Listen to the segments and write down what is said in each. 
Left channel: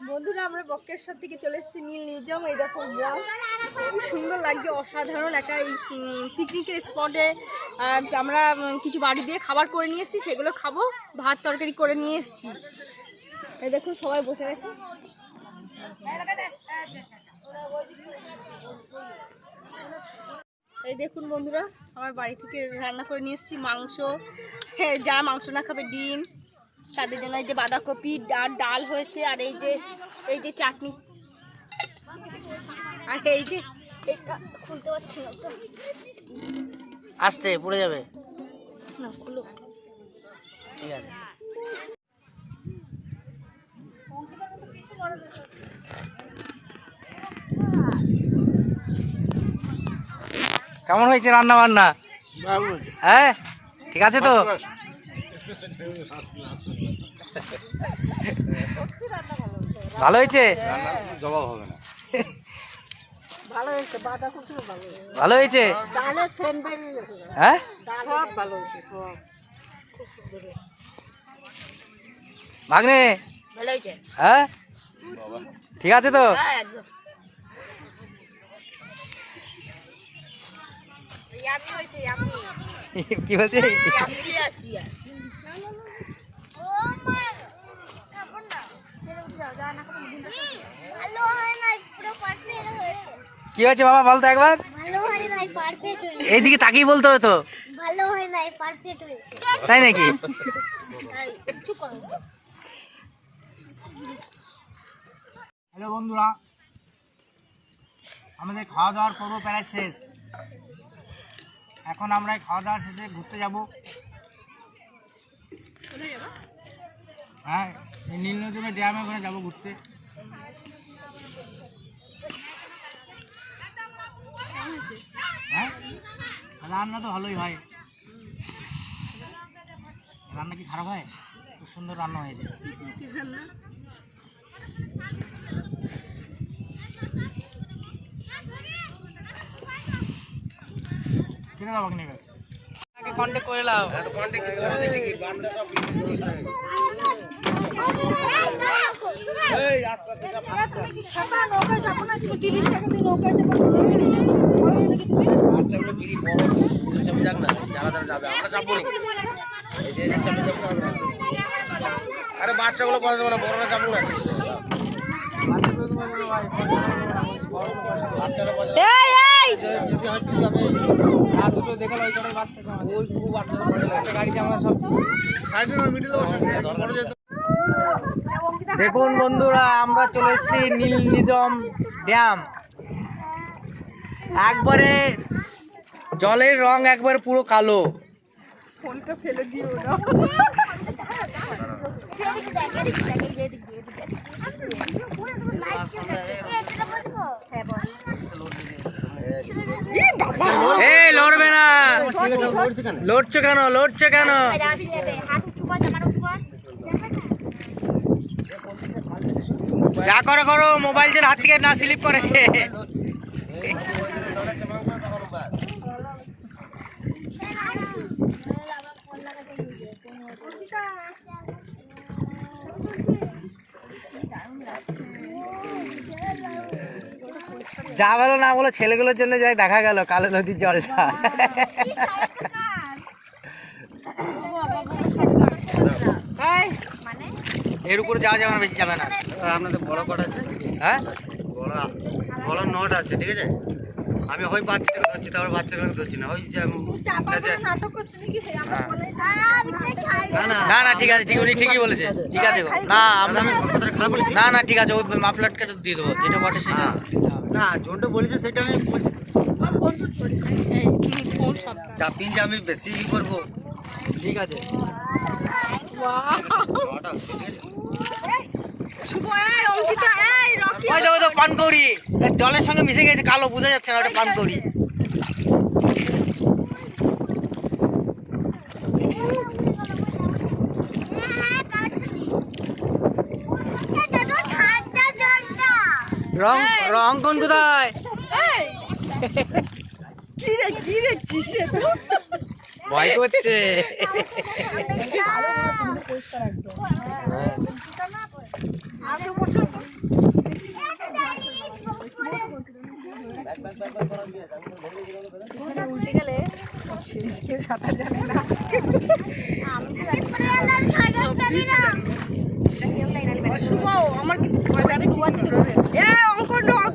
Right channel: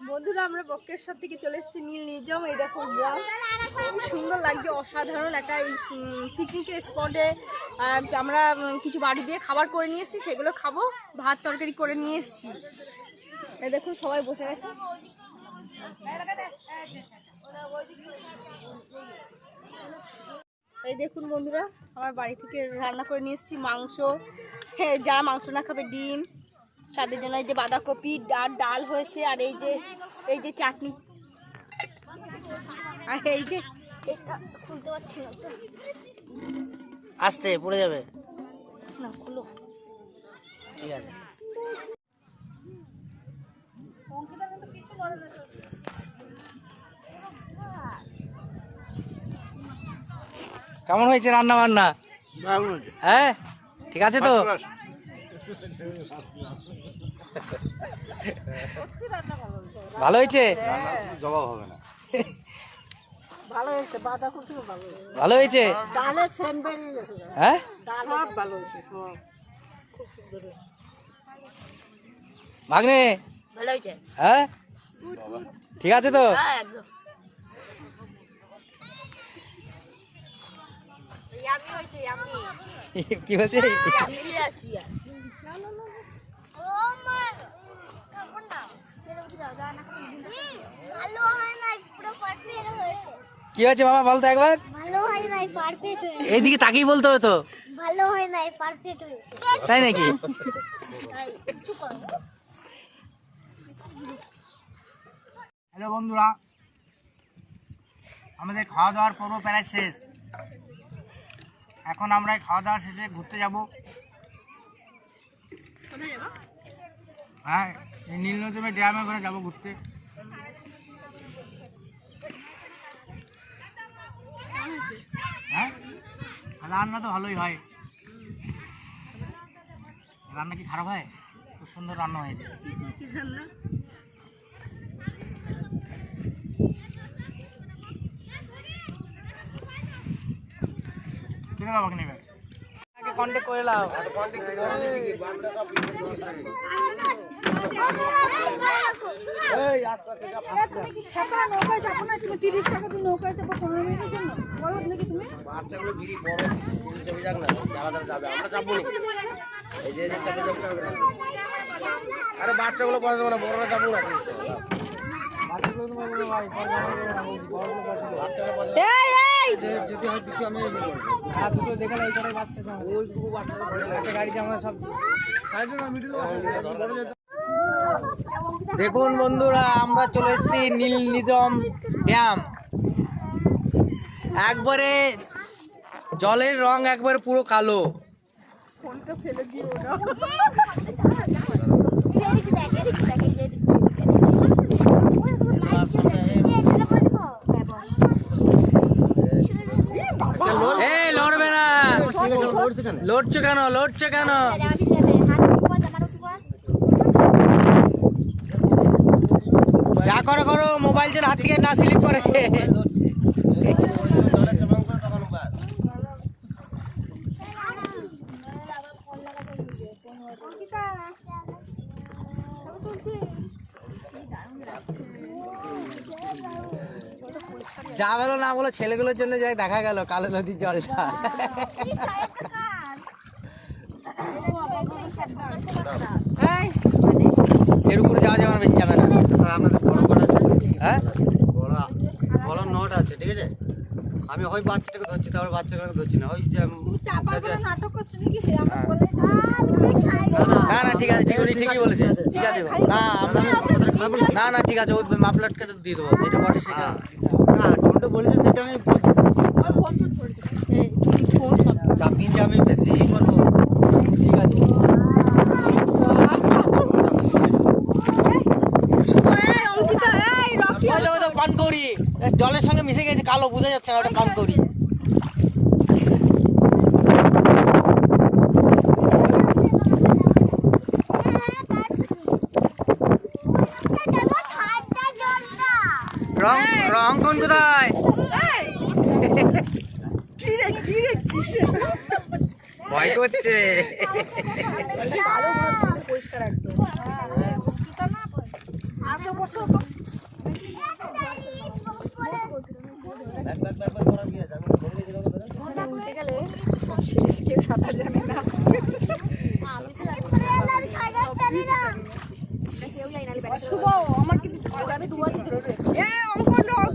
বন্ধুরা, আমরা বক্রেশ্বর থেকে চলে এসেছি নীল নির্জম এই দেখো গ্রাম খুব সুন্দর লাগছে, অসাধারণ একটা এই পিকনিকের স্পটে আমরা কিছু বাড়ি দিয়ে খাবার করে নিয়ে এসেছি, সেগুলো খাব, ভাত তরকারি করে নিয়ে এসেছি। এই দেখুন সবাই বসে গেছে এই দেখুন বন্ধুরা, আমার বাড়ি থেকে রান্না করে নিয়ে এসেছি মাংস। হ্যাঁ যারা মাংস না খাবে, ডিম। তাদের জন্য এই যে বাঁধাকপি আর ডাল হয়েছে আর এই যে এই যে চাটনি। আর এই যে এটা খুলতে পারছি না তো। আসতে পড়ে যাবে। না খুলো। ঠিক আছে। কেমন হয়েছে রান্না বান্না হ্যাঁ ঠিক আছে তো? ভালো হয়েছে? ভালো হয়েছে বাঁধাকপিও ভালো হয়েছে। ভালো হয়েছে? ডালে সেন হ্যাঁ? ডাল ভালো হয়েছে সব। ভাগ্নে? ভালো হয়েছে? হ্যাঁ? ঠিক আছে তো? হ্যাঁ একদম। ইয়ামি হয়েছে ইয়ামি। কি বলছে ইয়েস ইয়েস না না না ও মা খাব না ভালো হয় নাই পুরো পারফেক্ট হয়েছে কি হয়েছে বাবা বলতো একবার? এইদিকে তাকিয়ে বলতে হবে তো। ভালো নাই পারফেক্ট হয়েছে। তাই নাকি? হ্যালো বন্ধুরা আমাদের খাওয়া দাওয়ার পর্ব প্রায় শেষ। এখন আমরা খাওয়া দাওয়া শেষে ঘুরতে যাব। হ্যাঁ এই নীলনজমে ড্যামে ওখানে যাব ঘুরতে। রান্না তো ভালোই হয়। রান্না কি খারাপ হয়? খুব সুন্দর রান্না হয়েছে। কিনে দাও বাকি নেবে কন্ট্যাক্ট করে নাও তুমি আরে বাচ্চাগুলো পড়া যাবে না? বড়রা যাব না। দেখুন বন্ধুরা আমরা চলে এসেছি নীল নিজম ড্যাম। একবারে জলের রং একবারে পুরো কালো। ফোনটা ফেলে দিও না এই লড়বে না লড়ছে কেন? লড়ছে কেন? যা করো করো মোবাইল যেন হাত থেকে না স্লিপ করে। যা বলো না বলো ছেলেগুলোর জন্য যাই দেখা গেল কালো নদীর জলটা। এর উপরে যাওয়া যাবে না বেশি যাবে না। আপনাদের বড় কট আছে। হ্যাঁ? বড় বড় নট আছে ঠিক আছে? আমি ওই বাচ্চাটাকে ধরছি তারপর বাচ্চাটাকে ধরছি না। ওই যে হ্যাঁ। বলে না না ঠিক আছে ঠিক উনি ঠিকই বলেছে। ঠিক আছে গো। না আমরা আমি কথাটা খারাপ বলেছি? না না ঠিক আছে ওই মাফলাট কেটে দিয়ে দেবো যেটা বটে সেটা। না ছোট বলেছে সেটা আমি বলছি। চাপিন যে আমি বেশি করব। ঠিক আছে এই অঙ্কিতা এই রকি ওই তো ওই তো পানকৌড়ি জলের সঙ্গে মিশে গেছে কালো বোঝা যাচ্ছে না ওটা পানকৌড়ি রং রং কোন কোথায় কি রে কি রে ভয় করছে পরিষ্কার একদম উল্টে গেলে শেষ কেউ সাঁতার জানে না শুভ আমার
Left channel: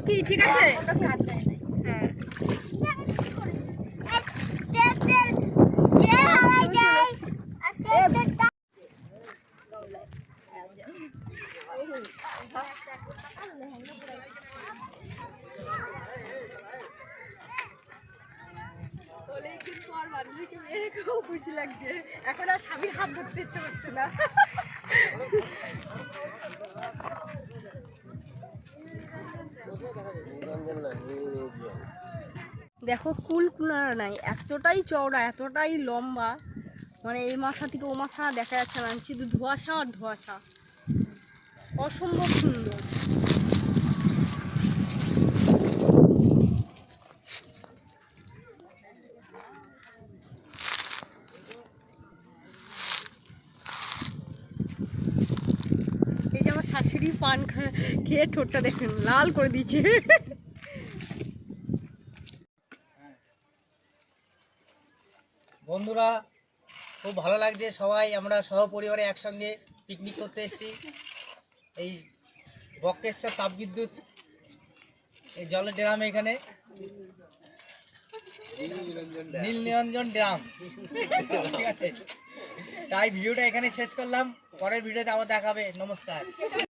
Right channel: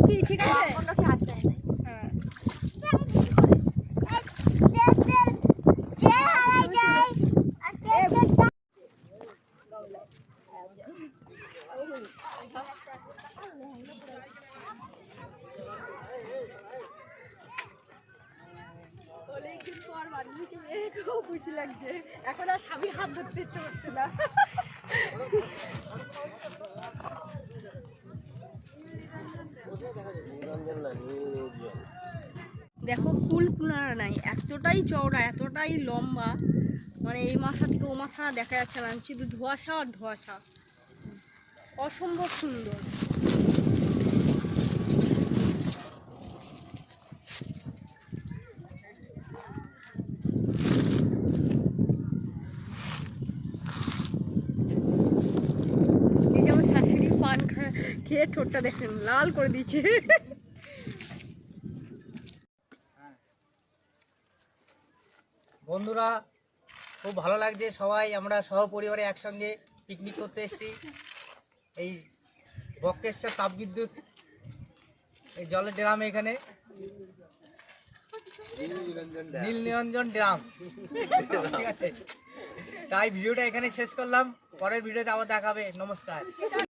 কি ঠিক আছে হ্যাঁ অনেকদিন পর বান্ধবীকে পেয়ে খুব খুশি লাগছে। এখন আর স্বামীর হাত ধরতে ইচ্ছে করছে না। দেখো, ফুল কুলারা নাই। এতটাই চওড়া, এতটাই লম্বা। মানে এই মাথা থেকে ও মাথা দেখা যাচ্ছে না। শুধু ধোঁয়াশা আর ধোঁয়াশা। অসম্ভব সুন্দর এই যে আমার শাশুড়ি পান খা- খেয়ে ঠোঁটটা দেখুন, লাল করে দিয়েছে। বন্ধুরা, খুব ভালো লাগছে সবাই। আমরা সহপরিবারে একসঙ্গে পিকনিক করতে এসেছি। এই বক্রেশ্বর তাপবিদ্যুৎ, এই জলের ড্রাম এখানে। নীল নিরঞ্জন ড্রাম। ঠিক আছে। তাই ভিডিওটা এখানে শেষ করলাম। পরের ভিডিওতে আবার দেখাবে। নমস্কার।